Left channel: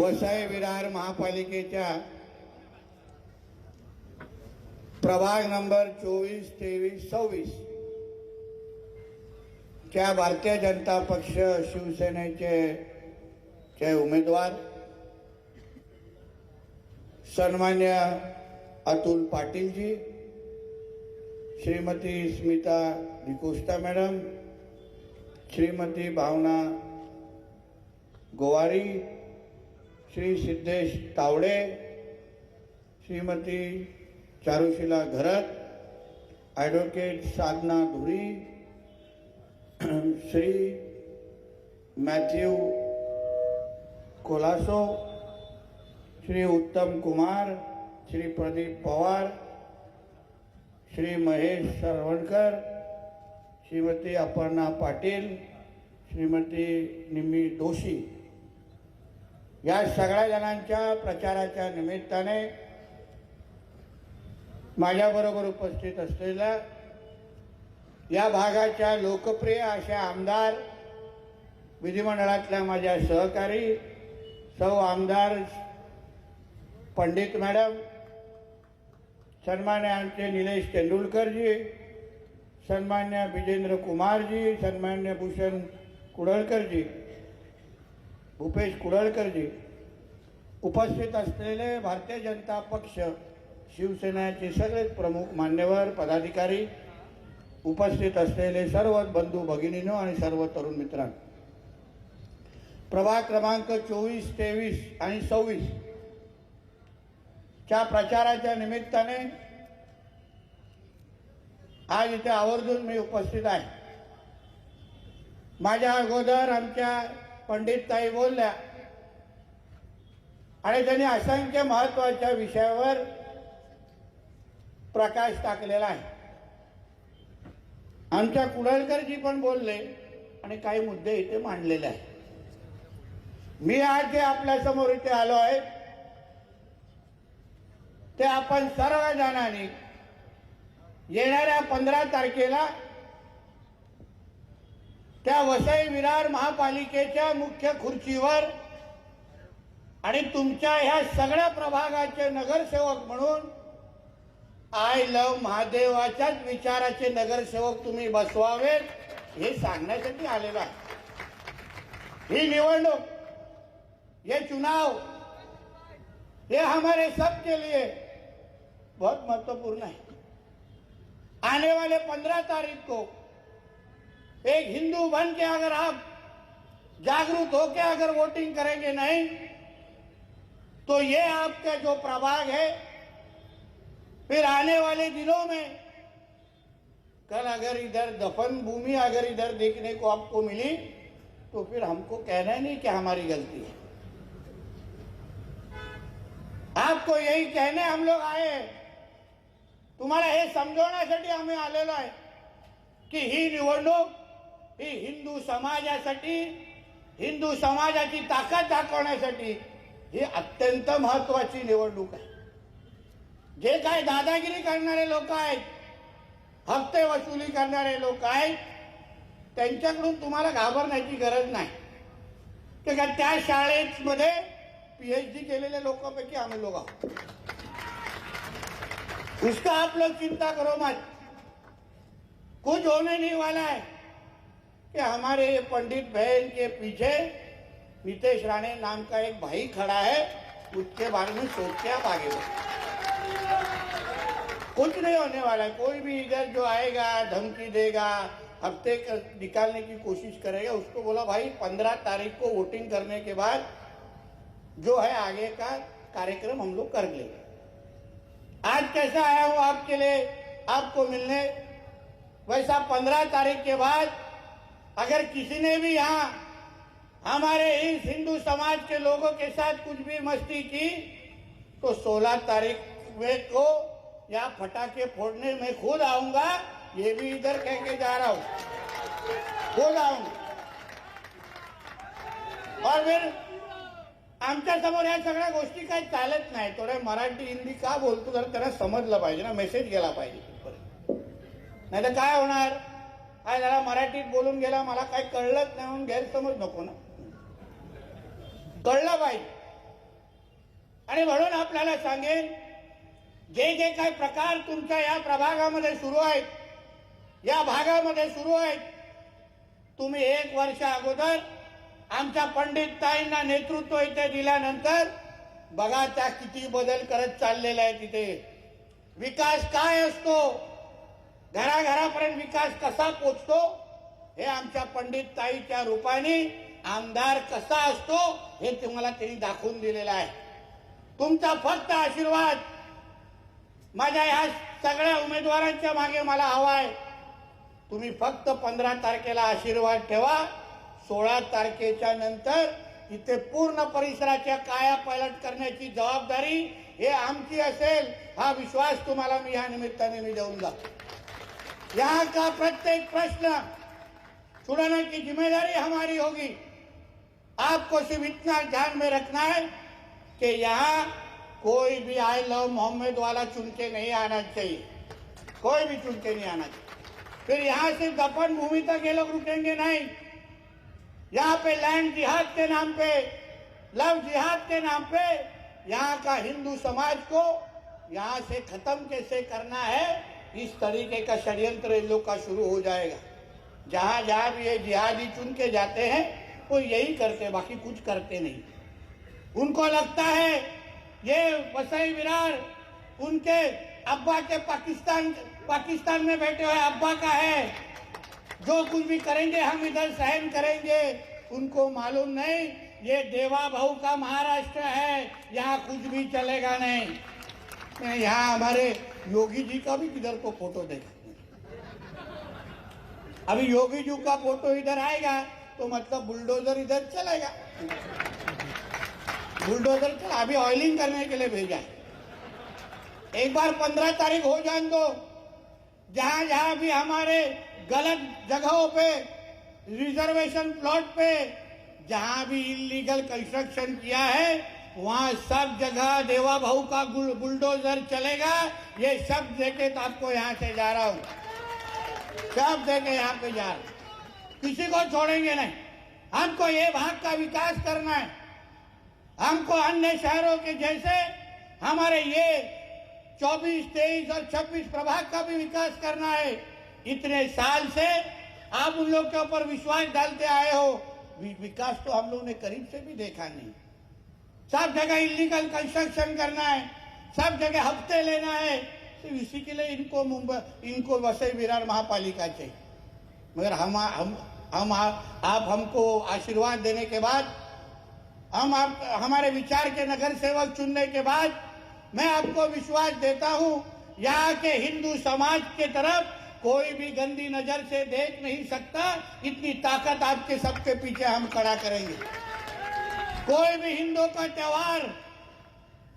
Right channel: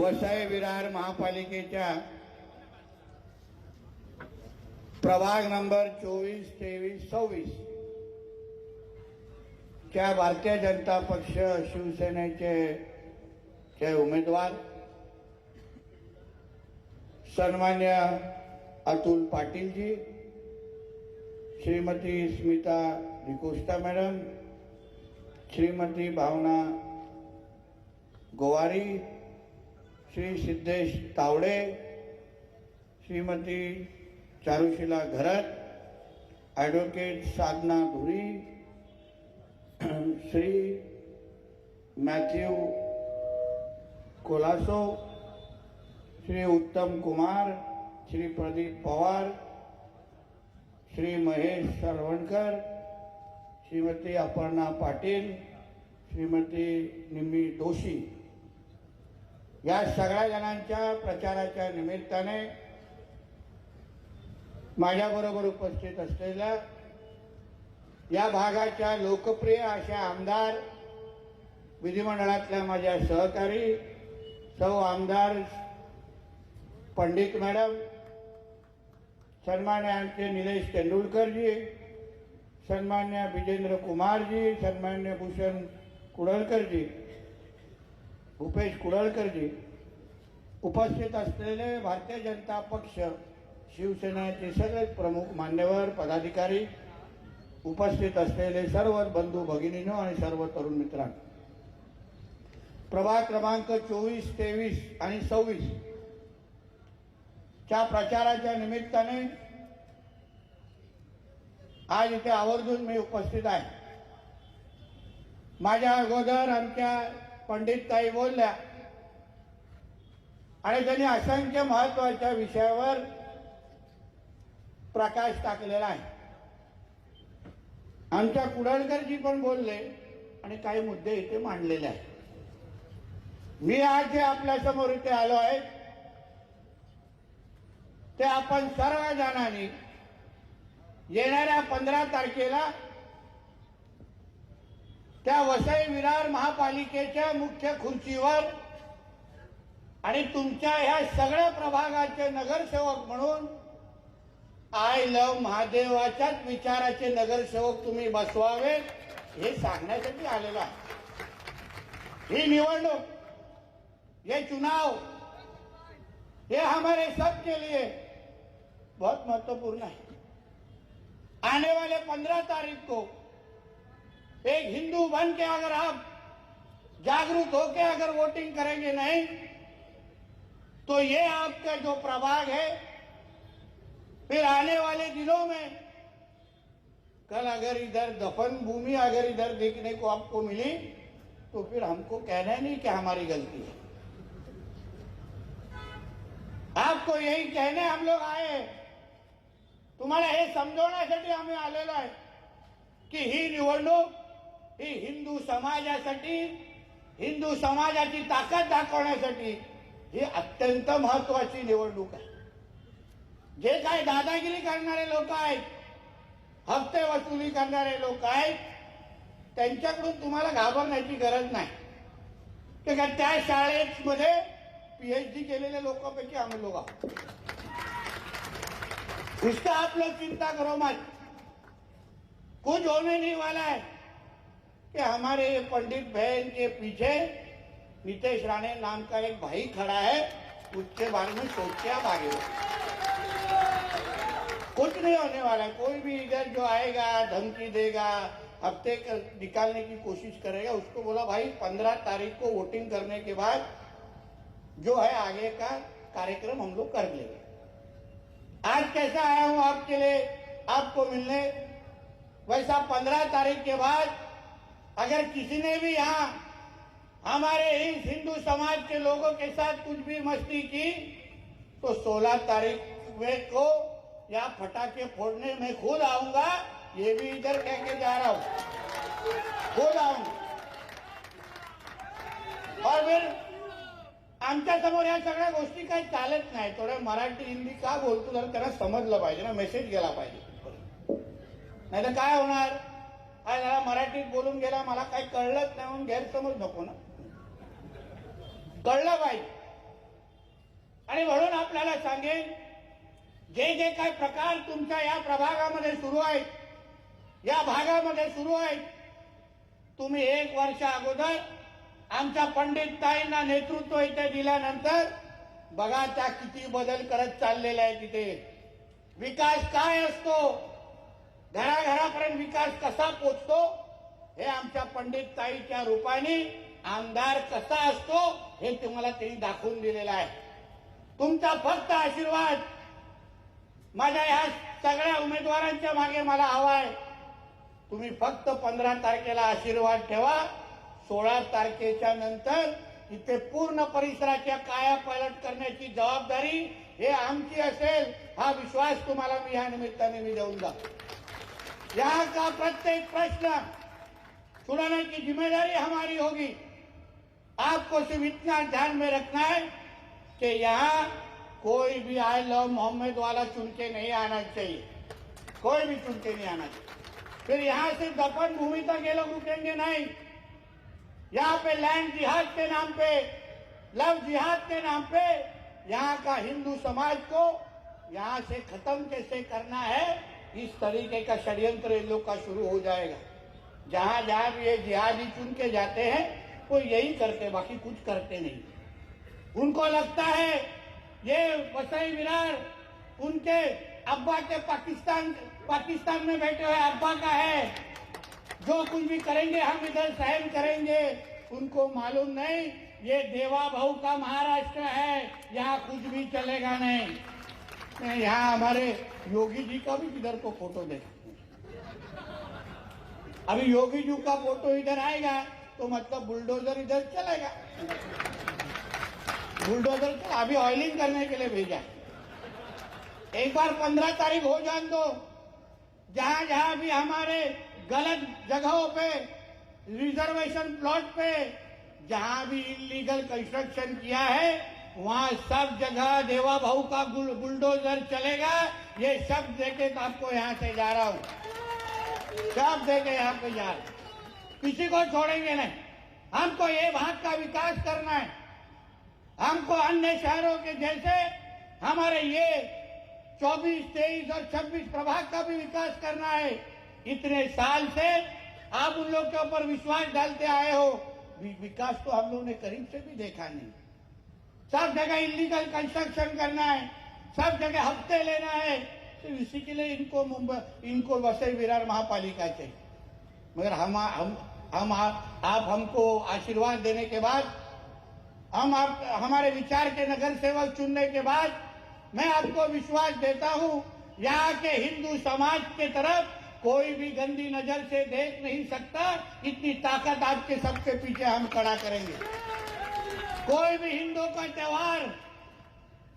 वसई विरार महापालिकेच्या प्रभाग नंबर 24, 23, 26 च्या भारतीय जनता पक्ष शिवसेनेचे उमेदवार सन्मान्य अतुल पाटील जी, श्रीमती स्मिता डिकोस्टा मैडम, श्रीमती भावना गोवारी, श्री सिद्धेश तावड़े, श्रीमती चारुशीला घरत, एडवोकेट साधना धुरी, श्री मैथ्यू कोलासो, श्री उत्तम कुमार, श्री प्रदीप पवार, श्री महेश सरवणकर, श्रीमती अपर्णा पाटील, श्रीमती निमी दोशी या सगळ्या जणांच्या प्रचाराच्या निमित्ताने माझ्याबरोबर उपस्थित असलेल्या या भागाच्या लोकप्रिय अशा आमदार, विधिमंडळातल्या माझ्या सहकारी सौ आमदार पंडित मॅडम, सन्मान्य आमचे निलेश तेंडुलकरजी, सन्मान्य विजेंद्र कुमारजी, सन्मान्य भूषण कुडळकरजी, भूपेश कुडळकरजी, उपस्थित असलेले भारतीय जनता पक्ष शिवसेनेचे सगळे प्रमुख मान्यवर पदाधिकारी, उपस्थित असलेले सर्व बंधू भगिनींनो आणि सर्व तरुण मित्रांनो, प्रभाग क्रमांक 24, 23 आणि 26 च्या प्रचाराच्या निमित्ताने आज इथे आवर्जून मी उपस्थित आहे. माझ्या अगोदर आमच्या पंडितताई बोलल्या आणि त्यांनी असंख्य महत्वाच्या विषयावर प्रकाश टाकलेला आहे. आमच्या कुडळकरजी पण बोलले आणि काही मुद्दे इथे मांडलेले आहेत. मी आज जे आपल्या समोर इथे आलो आहे ते आपण सर्व जणांनी येणाऱ्या 15 तारखेला त्या वसई विरार महापालिकेच्या मुख्य खुर्चीवर आणि तुमच्या ह्या सगळ्या प्रभागाचे नगरसेवक म्हणून आय लव्ह महादेवाच्याच विचाराचे नगरसेवक तुम्ही बसवावेत हे सांगण्यासाठी आलेला आहे. ही निवडणूक, ये चुनाव, ये हमारे सबके लिए बहुत महत्वपूर्ण है. आने वाले 15 तारीख को एक हिंदू बन के अगर आप जागरूक होकर अगर वोटिंग करेंगे नहीं तो ये आपका जो प्रभाग है फिर आने वाले दिनों में कल अगर इधर दफन भूमि अगर इधर देखने को आपको मिली तो फिर हमको कहना नहीं कि हमारी गलती है. आपको यही कहने हम लोग आए हैं. तुम्हाला हे समजवण्यासाठी आम्ही आलेलो आहे की ही निवडणूक ही हिंदू समाजासाठी, हिंदू समाजाची ताकद दाखवण्यासाठी ही अत्यंत महत्वाची निवडणूक आहे. जे काही दादागिरी करणारे लोक आहेत, हप्ते वसुली करणारे लोक आहेत, त्यांच्याकडून तुम्हाला घाबरण्याची गरज नाही. ते का त्या शाळेमध्ये पीएचडी केलेले लोकांपैकी हम लोग आहोत. इसका आप लोग चिंता करो मत. कुछ होने नहीं वाला है कि हमारे पंडित बहन के पीछे नितेश राणे नाम का एक भाई खड़ा है, उसके बारे में सोच के आप आगे बढ़ो. कुछ नहीं होने वाला है. कोई भी इधर जो आएगा धमकी देगा, हफ्ते निकालने की कोशिश करेगा, उसको बोला भाई 15 तारीख को वोटिंग करने के बाद जो है आगे का कार्यक्रम हम लोग कर लेंगे. आज कैसा आया हूं आपके लिए, आपको मिलने, वैसा 15 तारीख के बाद अगर किसी ने भी यहां हमारे इस हिंदू समाज के लोगों के साथ कुछ भी मस्ती की तो 16 तारीख में को या पटाखे फोड़ने में खुद आऊंगा. ये भी इधर कह के जा रहा हूं, खुद आऊंगा. और फिर आमच्या समोर या सगळ्या गोष्टी काही चालत नाही. थोड्या मराठी हिंदी का बोलतो जरा त्यांना समजलं पाहिजे ना, मेसेज गेला पाहिजे. नाही तर काय होणार, काय जरा मराठीत बोलून गेला, मला काय कळलंच नाही म्हणून गैरसमज नको ना. कळलं पाहिजे. सांगेन, जे जे काही प्रकार तुमच्या या प्रभागामध्ये सुरू आहेत, या भागामध्ये सुरू आहेत, तुम्ही 1 वर्ष अगोदर आमच्या पंडितताईंना नेतृत्व इथे दिल्यानंतर बघा त्या किती बदल करत चाललेला आहे. तिथे विकास काय असतो, घराघरापर्यंत विकास कसा पोचतो, हे आमच्या पंडितताईच्या रूपाने आमदार कसा असतो हे तुम्हाला त्यांनी दाखवून दिलेलं आहे. तुमचा फक्त आशीर्वाद माझ्या या सगळ्या उमेदवारांच्या मागे मला हवा आहे. तुम्ही फक्त 15 तारखेला आशीर्वाद ठेवा. 16 तारखेच्या नंतर इथे पूर्ण परिसराच्या कायापालट करण्याची जबाबदारी हे आमची असेल, हा विश्वास तुम्हाला मी या निमित्ताने मी देऊन जातो. यहाँ का प्रत्येक प्रश्न छुड़ाने की जिम्मेदारी हमारी होगी. आपको सिर्फ इतना ध्यान में रखना है कि यहाँ कोई भी आई लव मोहम्मद वाला चुन के नहीं आना चाहिए, कोई भी चुन के नहीं आना चाहिए. फिर यहाँ से दफन भूमि तक ये लोग रुकेंगे नहीं. यहाँ पे लैंड जिहाद के नाम पे, लव जिहाद के नाम पे यहाँ का हिंदू समाज को यहाँ से खत्म कैसे करना है, इस तरीके का षड्यंत्र इन लोग का शुरू हो जाएगा. जहां जहां भी ये जिहादी चुन के जाते हैं वो यही करते, बाकी कुछ करते नहीं. उनको लगता है ये वसई विरार उनके अब्बा के पाकिस्तान में बैठे हुए अब्बा का है, जो कुछ भी करेंगे हम इधर सहन करेंगे. उनको मालूम नहीं ये देवा भाऊ का महाराष्ट्र है, यहाँ कुछ भी चलेगा नहीं. यहाँ हमारे योगी जी का भी इधर को फोटो देखा, अभी योगी जी का फोटो इधर आएगा तो मतलब बुलडोजर इधर चलेगा. बुलडोजर चला, अभी ऑयलिंग करने के लिए भेजा. एक बार 15 तारीख हो जाने दो. जहां जहां भी हमारे गलत जगहों पे, रिजर्वेशन प्लॉट पे जहां भी इलीगल कंस्ट्रक्शन किया है, वहां सब जगह देवा भाऊ का बुलडोजर चलेगा. ये सब देके तो आपको यहाँ से जा रहा हूं, सब देके यहाँ पे जा रहा हूं. किसी को छोड़ेंगे नहीं. हमको ये भाग का विकास करना है. हमको अन्य शहरों के जैसे हमारे ये 24, 23 और 26 प्रभाग का भी विकास करना है. इतने साल से आप उन लोग के ऊपर विश्वास डालते आए हो, विकास तो हम लोगों ने करीब से भी देखा नहीं. सब जगह इलीगल कंस्ट्रक्शन करना है, सब जगह हफ्ते लेना है. तो इसी के लिए इनको वसई विरार महापालिका चाहिए. मगर आप हमको आशीर्वाद देने के बाद, हमारे विचार के नगर सेवक चुनने के बाद मैं आपको विश्वास देता हूं, यहाँ के हिंदू समाज के तरफ कोई भी गंदी नजर से देख नहीं सकता. इतनी ताकत आपके सबके पीछे हम खड़ा करेंगे. कोई भी हिंदू का त्योहार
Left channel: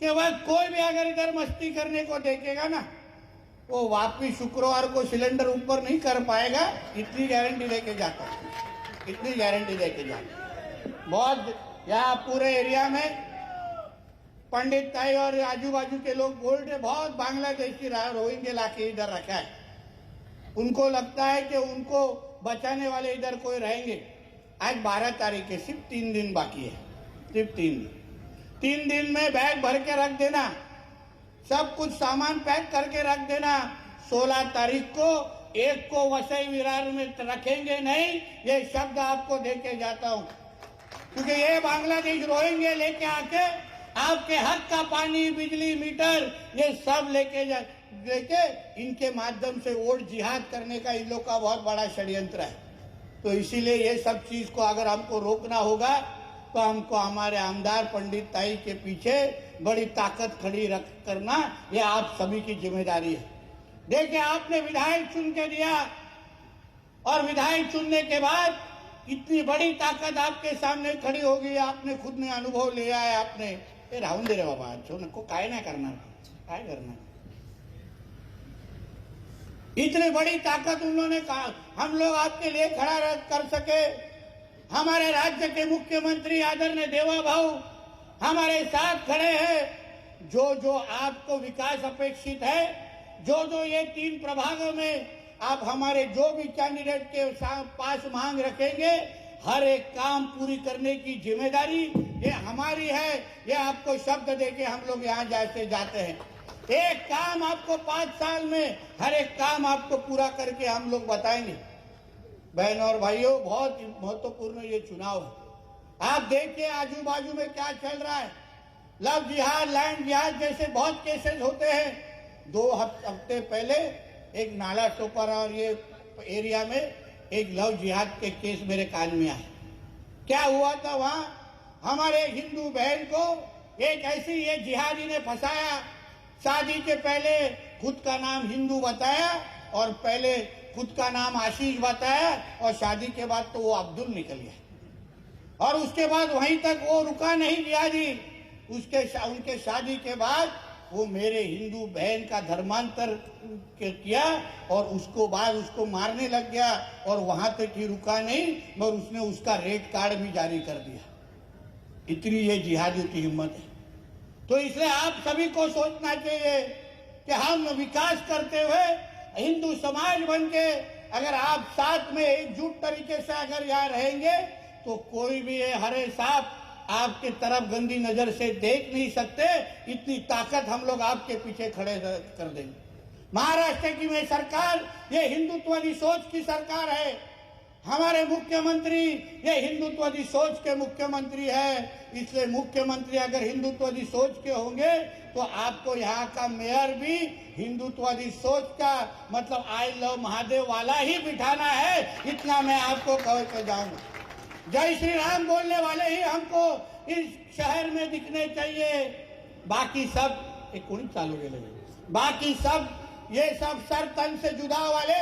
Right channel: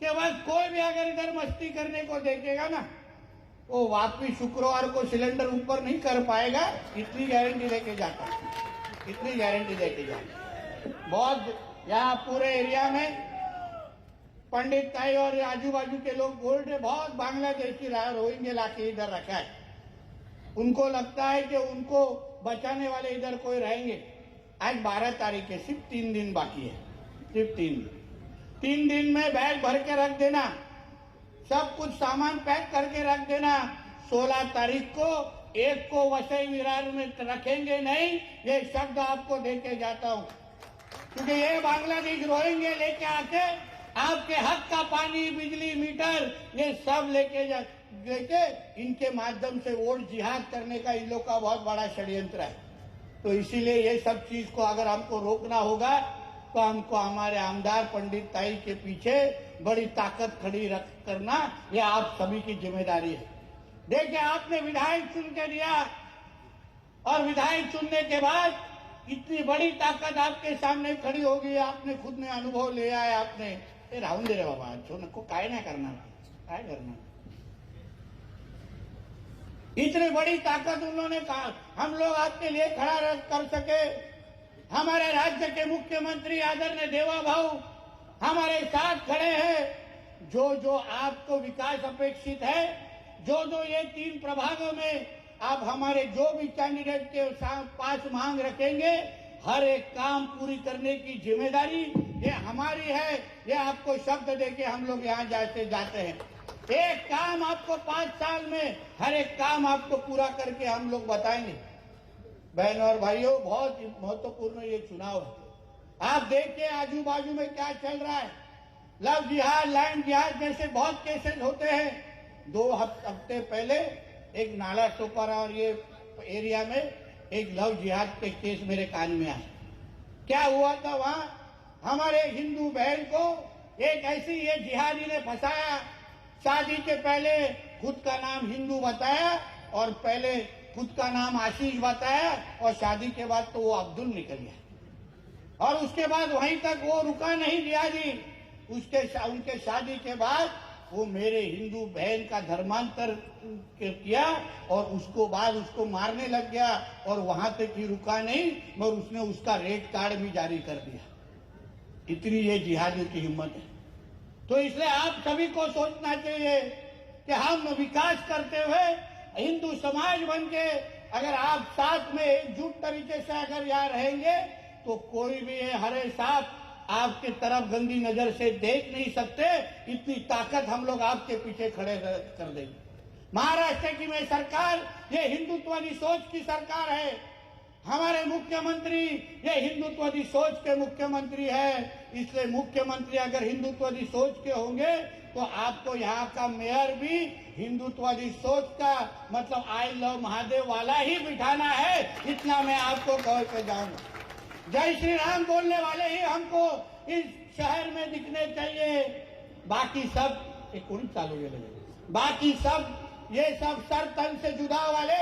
के वक्त कोई भी अगर इधर मस्ती करने को देखेगा ना, वो वापिस शुक्रवार को सिलेंडर ऊपर नहीं कर पाएगा. इतनी गारंटी देके जाता, इतनी गारंटी देके जाता. बहुत यहाँ पूरे एरिया में पंडित ताई और आजू बाजू के लोग बोल रहे, बहुत बांग्लादेशी रोहिंग्या लाके इधर रखा है. उनको लगता है कि उनको बचाने वाले इधर कोई रहेंगे. आज 12 तारीख है, सिर्फ 3 दिन बाकी है, सिर्फ 3 दिन. 3 दिन में बैग भर के रख देना, सब कुछ सामान पैक करके रख देना. 16 तारीख को एक को वसई विरार में रखेंगे नहीं, ये शब्द आपको देके जाता हूं. क्योंकि ये बांग्लादेश रोहिंग्या लेके आके आपके हक का पानी, बिजली, मीटर ये सब लेके इनके माध्यम से वोट जिहाद करने का इन लोग का बहुत बड़ा षड्यंत्र है. तो इसीलिए ये सब चीज को अगर हमको रोकना होगा तो हमको हमारे आमदार पंडित ताई के पीछे बड़ी ताकत खड़ी करना, ये आप सभी की जिम्मेदारी है. देखिए, आपने विधायक चुन के दिया और विधायक चुनने के बाद इतनी बड़ी ताकत आपके सामने खड़ी होगी. आपने खुद में अनुभव लिया है. आपने ये राहून दे रे बाबा, को काय नाही करणार, काय करणार. इतनी बड़ी ताकत उन्होंने कहा, हम लोग आपके लिए खड़ा कर सके. हमारे राज्य के मुख्यमंत्री आदरणीय देवा भाऊ हमारे साथ खड़े हैं. जो जो आपको विकास अपेक्षित है, जो जो ये 3 प्रभागों में आप हमारे जो भी कैंडिडेट के पास मांग रखेंगे, हर एक काम पूरी करने की जिम्मेदारी ये हमारी है, ये आपको शब्द देके हम लोग यहाँ जाते हैं। एक काम आपको 5 साल में हर एक काम आपको पूरा करके हम लोग बताएंगे। बहन और भाइयों, बहुत महत्वपूर्ण ये चुनाव है। आप देखिए आजू बाजू में क्या चल रहा है। लव जिहाद, लैंड जिहाद जैसे बहुत केसेस होते हैं। 2 हफ्ते पहले एक नाला टोपर और ये एरिया में एक लव जिहाद के केस मेरे कान में आए। क्या हुआ था वहां? हमारे हिंदू बहन को एक ऐसी ये जिहादी ने फंसाया। शादी के पहले खुद का नाम हिंदू बताया और पहले खुद का नाम आशीष बताया और शादी के बाद तो वो अब्दुल निकल गया। और उसके बाद वहीं तक वो रुका नहीं जिहादी। उनके शादी के बाद वो मेरे हिंदू बहन का धर्मांतर किया और उसको मारने लग गया और वहां तक ही रुका नहीं, मगर उसने उसका रेड कार्ड भी जारी कर दिया। इतनी ये जिहादियों की हिम्मत है। तो इसलिए आप सभी को सोचना चाहिए कि हम विकास करते हुए हिंदू समाज बनके अगर आप साथ में एकजुट तरीके से अगर यहाँ रहेंगे तो कोई भी हरे सांप आपके तरफ गंदी नजर से देख नहीं सकते। इतनी ताकत हम लोग आपके पीछे खड़े कर देंगे। महाराष्ट्र की में सरकार ये हिंदुत्ववादी सोच की सरकार है। हमारे मुख्यमंत्री ये हिंदुत्ववादी सोच के मुख्यमंत्री है। इसलिए मुख्यमंत्री अगर हिंदुत्ववादी सोच के होंगे तो आपको यहाँ का मेयर भी हिंदुत्ववादी सोच का मतलब आई लव महादेव वाला ही बिठाना है। इतना मैं आपको कह के जाऊंगा। जय श्री राम बोलने वाले ही हमको इस शहर में दिखने चाहिए। बाकी सब एक कौन चालू लगे, बाकी सब ये सब सर तन से जुदा वाले,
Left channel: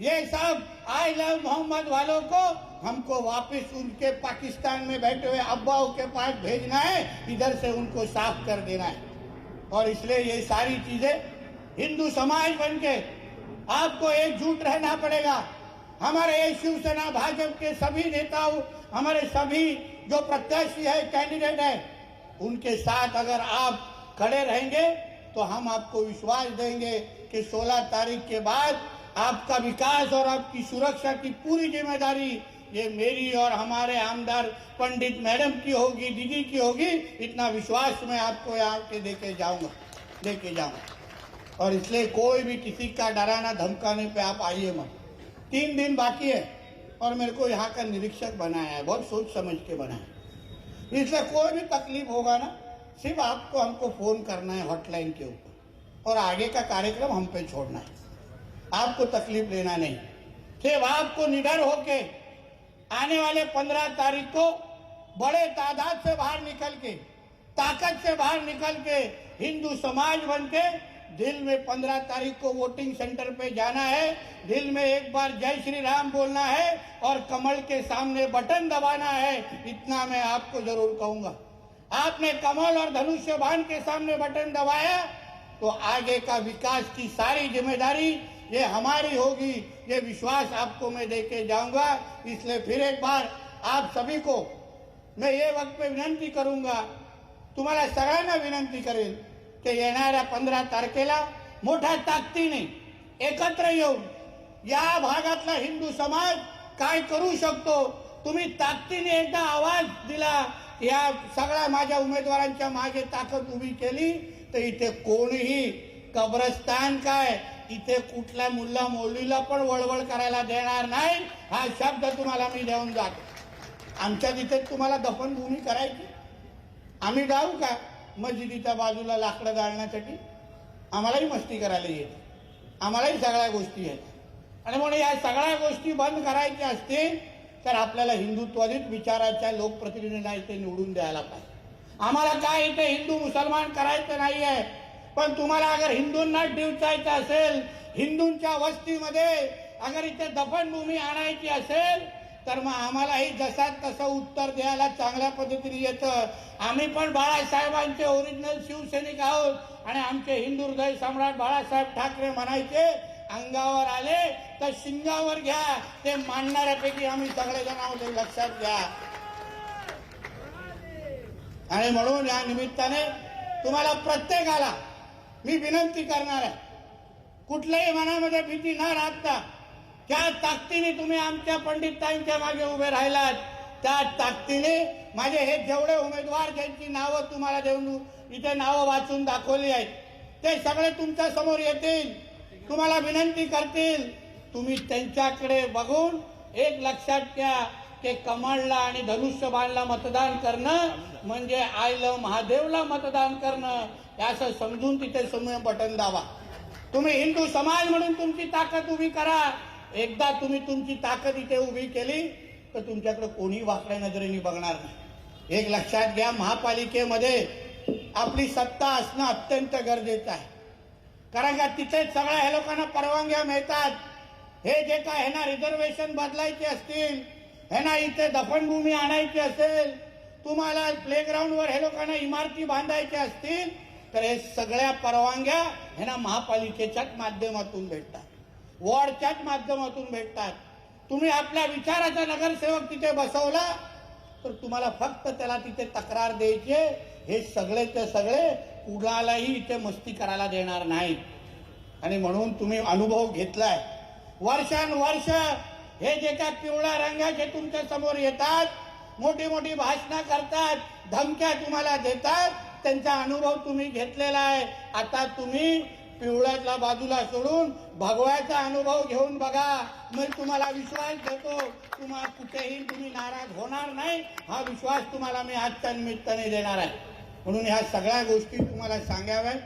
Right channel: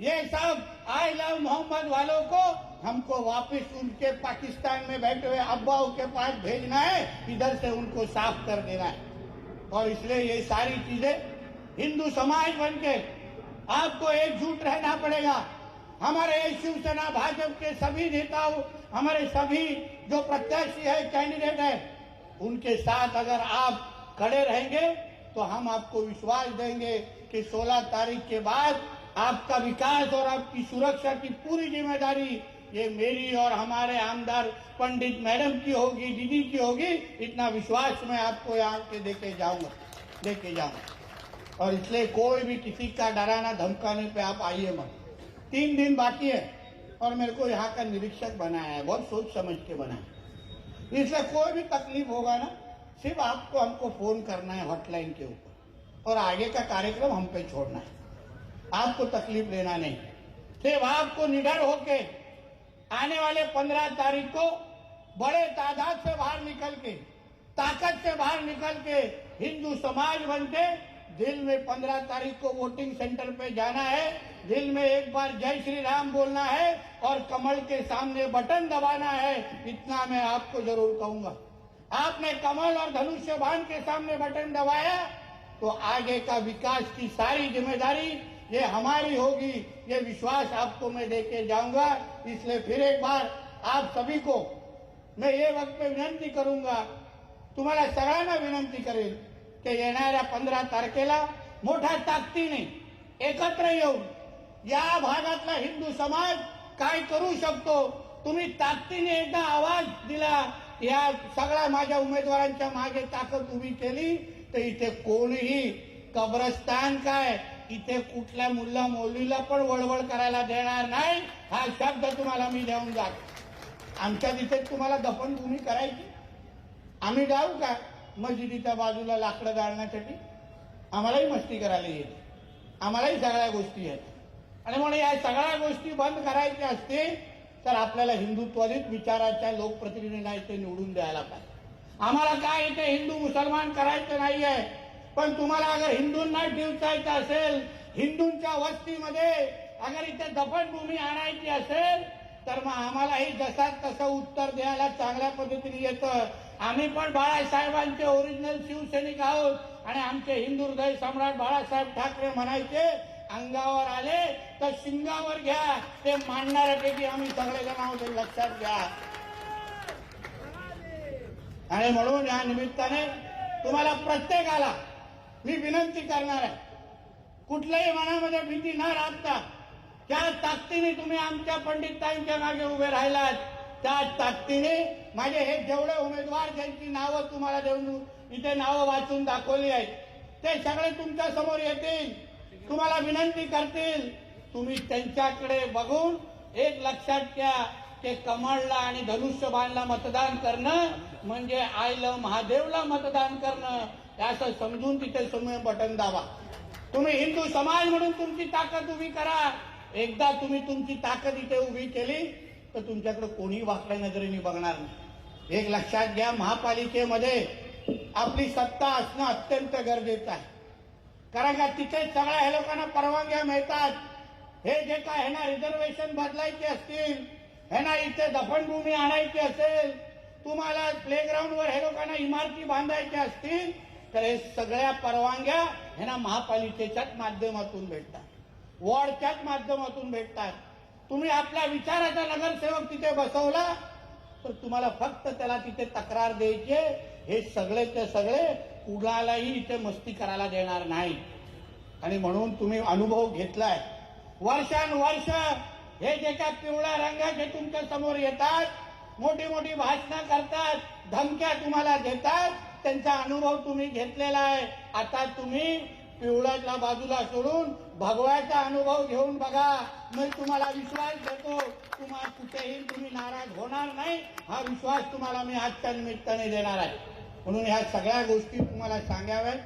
ये सब आई लव मोहम्मद वालों को हमको वापस उनके पाकिस्तान में बैठे हुए अब्बाओं के पास भेजना है। इधर से उनको साफ कर देना है। और इसलिए ये सारी चीजें हिंदू समाज बनके आपको एकजुट रहना पड़ेगा। हमारे शिवसेना भाजपा के सभी नेताओं, हमारे सभी जो प्रत्याशी है, कैंडिडेट है, उनके साथ अगर आप खड़े रहेंगे तो हम आपको विश्वास देंगे कि 16 तारीख के बाद आपका विकास और आपकी सुरक्षा की पूरी जिम्मेदारी ये मेरी और हमारे आमदार पंडित मैडम की होगी, दीदी की होगी। इतना विश्वास मैं आपको यहाँ के देके जाऊंगा। और इसलिए कोई भी किसी का डराना धमकाने पे आप आइए मत। 3 दिन बाकी है और मेरे को यहाँ का निरीक्षक बनाया है, बहुत सोच समझ के बनाया। इसलिए कोई भी तकलीफ होगा ना, सिर्फ आपको हमको फोन करना है हॉटलाइन के ऊपर और आगे का कार्यक्रम हम पे छोड़ना है। आपको तकलीफ लेना नहीं, सिर्फ आपको निडर होके आने वाले 15 तारीख को बड़े तादाद से बाहर निकल के, ताकत से बाहर निकल के हिंदू समाज बनके दिल में 15 तारीख को वोटिंग सेंटर पे जाना है। दिल में एक बार जय श्री राम बोलना है और कमल के सामने बटन दबाना है। इतना मैं आपको जरूर कहूंगा। आपने कमल और धनुष्य बाण के सामने बटन दबाया तो आगे का विकास की सारी जिम्मेदारी ये हमारी होगी। ये विश्वास आपको मैं देके जाऊंगा। इसलिए फिर एक बार आप सभी को मैं ये वक्त पे विनंती करूंगा, तुम्हाला सगळ्यांना विनंती करेन की येणाऱ्या 15 तारखेला मोठ्या ताकदीने एकत्र येऊन या भागातला हिंदू समाज काय करू शकतो, तुम्ही ताकदीने एकदा आवाज दिला, या सगळ्या माझ्या उमेदवारांच्या मागे ताकद उभी केली तर इथे कोणीही कब्रस्तान काय, इथे कुठल्या मुल्ला मौलवीला पण वळवळ करायला देणार नाही। हा शब्द तुम्हाला मी देऊन जातो। आमच्या तिथे तुम्हाला दफनभूमी करायची, आम्ही जाऊ का मस्जिदीच्या बाजूला लाकडं जाळण्यासाठी? आम्हालाही मस्ती करायला येते, आम्हालाही सगळ्या गोष्टी आहेत। आणि म्हणून या सगळ्या गोष्टी बंद करायच्या असतील तर आपल्याला हिंदुत्ववादी विचाराच्या लोकप्रतिनिधींना इथे निवडून द्यायला पाहिजे। आम्हाला काय इथे हिंदू मुसलमान करायचं नाहीये, पण तुम्हाला अगर हिंदूंना डिवचायचं असेल, हिंदूंच्या वस्तीमध्ये अगर इथे दफनभूमी आणायची असेल तर मग आम्हालाही जसा तसं उत्तर द्यायला चांगल्या पद्धतीने येतं। आम्ही पण बाळासाहेबांचे ओरिजिनल शिवसैनिक आहोत आणि आमचे हिंदू हृदय सम्राट बाळासाहेब ठाकरे म्हणायचे, अंगावर आले तर शिंगावर घ्या, ते मानणाऱ्यापैकी आम्ही सगळेजण आहोत, लक्षात घ्या। आणि म्हणून या निमित्ताने तुम्हाला प्रत्येकाला मी विनंती करणार आहे, कुठल्याही मनामध्ये भीती न राखता ज्या ताकदीने तुम्ही आमच्या पंडितताईंच्या मागे उभे राहिलात त्या ताकदीने माझे हे जेवढे उमेदवार ज्यांची नावं तुम्हाला देऊन इथे नावं वाचून दाखवली आहेत ते सगळे तुमच्या समोर येतील, तुम्हाला विनंती करतील. तुम्ही त्यांच्याकडे बघून एक लक्षात घ्या, ते कमळला आणि धनुष्यबाणला मतदान करणं म्हणजे आयलं महादेवला मतदान करणं असं समजून तिथे समोर बटन दाबा. तुम्ही हिंदू समाज म्हणून तुमची ताकद उभी करा. एकदा तुम्ही तुमची ताकद इथे उभी केली तर तुमच्याकडे कोणी वाकड्या नजरेने बघणार नाही. एक लक्षात घ्या, महापालिकेमध्ये आपली सत्ता असणं अत्यंत गरजेचं आहे. कारण का तिथे सगळ्या ह्या लोकांना परवानग्या मिळतात. हे जे काय ह्यांना रिझर्वेशन बदलायचे असतील, ह्यांना इथे दफनभूमी आणायची असेल, तुम्हाला प्लेग्राऊंडवर हे लोकांना इमारती बांधायच्या असतील तर हे सगळ्या परवानग्या ह्यांना महापालिकेच्याच माध्यमातून भेटतात, वॉर्डच्याच माध्यमातून भेटतात. तुम्ही आपल्या विचाराचा नगरसेवक तिथे बसवला तर तुम्हाला फक्त त्याला तिथे तक्रार द्यायची. हे सगळे ते सगळे कुणालाही इथे मस्ती करायला देणार नाही. आणि म्हणून तुम्ही अनुभव घेतलाय वर्षानुवर्ष. हे जे काय पिवळ्या रंगाचे तुमच्या समोर येतात, मोठी मोठी भाषणं करतात, धमक्या तुम्हाला देतात, त्यांचा अनुभव तुम्ही घेतलेला आहे. आता तुम्ही पिवळ्याला बाजूला सोडून भगवाचा अनुभव घेऊन बघा. मी तुम्हाला विश्वास देतो, तुम्हाला कुठेही तुम्ही नाराज होणार नाही, हा विश्वास तुम्हाला मी आजच्या निमित्ताने देणार आहे. म्हणून ह्या सगळ्या गोष्टी तुम्हाला सांगाव्यात,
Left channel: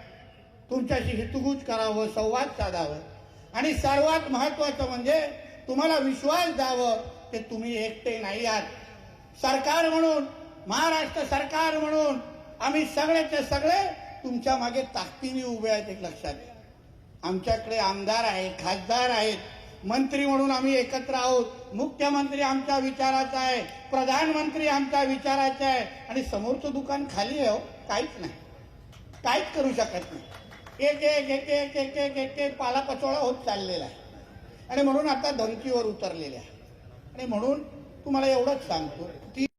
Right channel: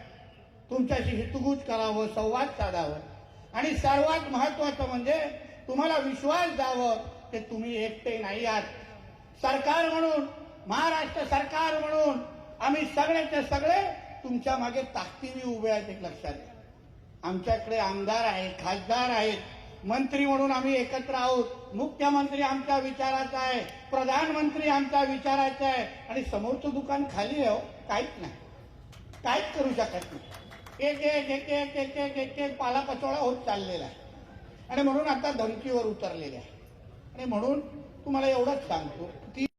तुमच्याशी हितगुज करावं, संवाद साधावं आणि सर्वात महत्वाचं म्हणजे तुम्हाला विश्वास द्यावं की तुम्ही एकटे नाही आहात. सरकार म्हणून, महाराष्ट्र सरकार म्हणून आम्ही सगळेचे सगळे तुमच्या मागे ताकदीने उभे आहेत. एक लक्षात घ्या, आमच्याकडे आमदार आहेत, खासदार आहेत, मंत्री म्हणून आम्ही एकत्र आहोत. मुख्यमंत्री आमच्या विचाराचा आहे, प्रधानमंत्री आमच्या विचाराचा आहे आणि समोरचं दुकान खाली आहे, काहीच नाही, काहीच करू शकत नाही. एक एक एक एक एक एक एक एक पालापाचोळा होत चाललेला आहे आणि म्हणून आता धमकीवर उतरलेले आहे. आणि म्हणून तुम्हाला एवढंच सांगतो की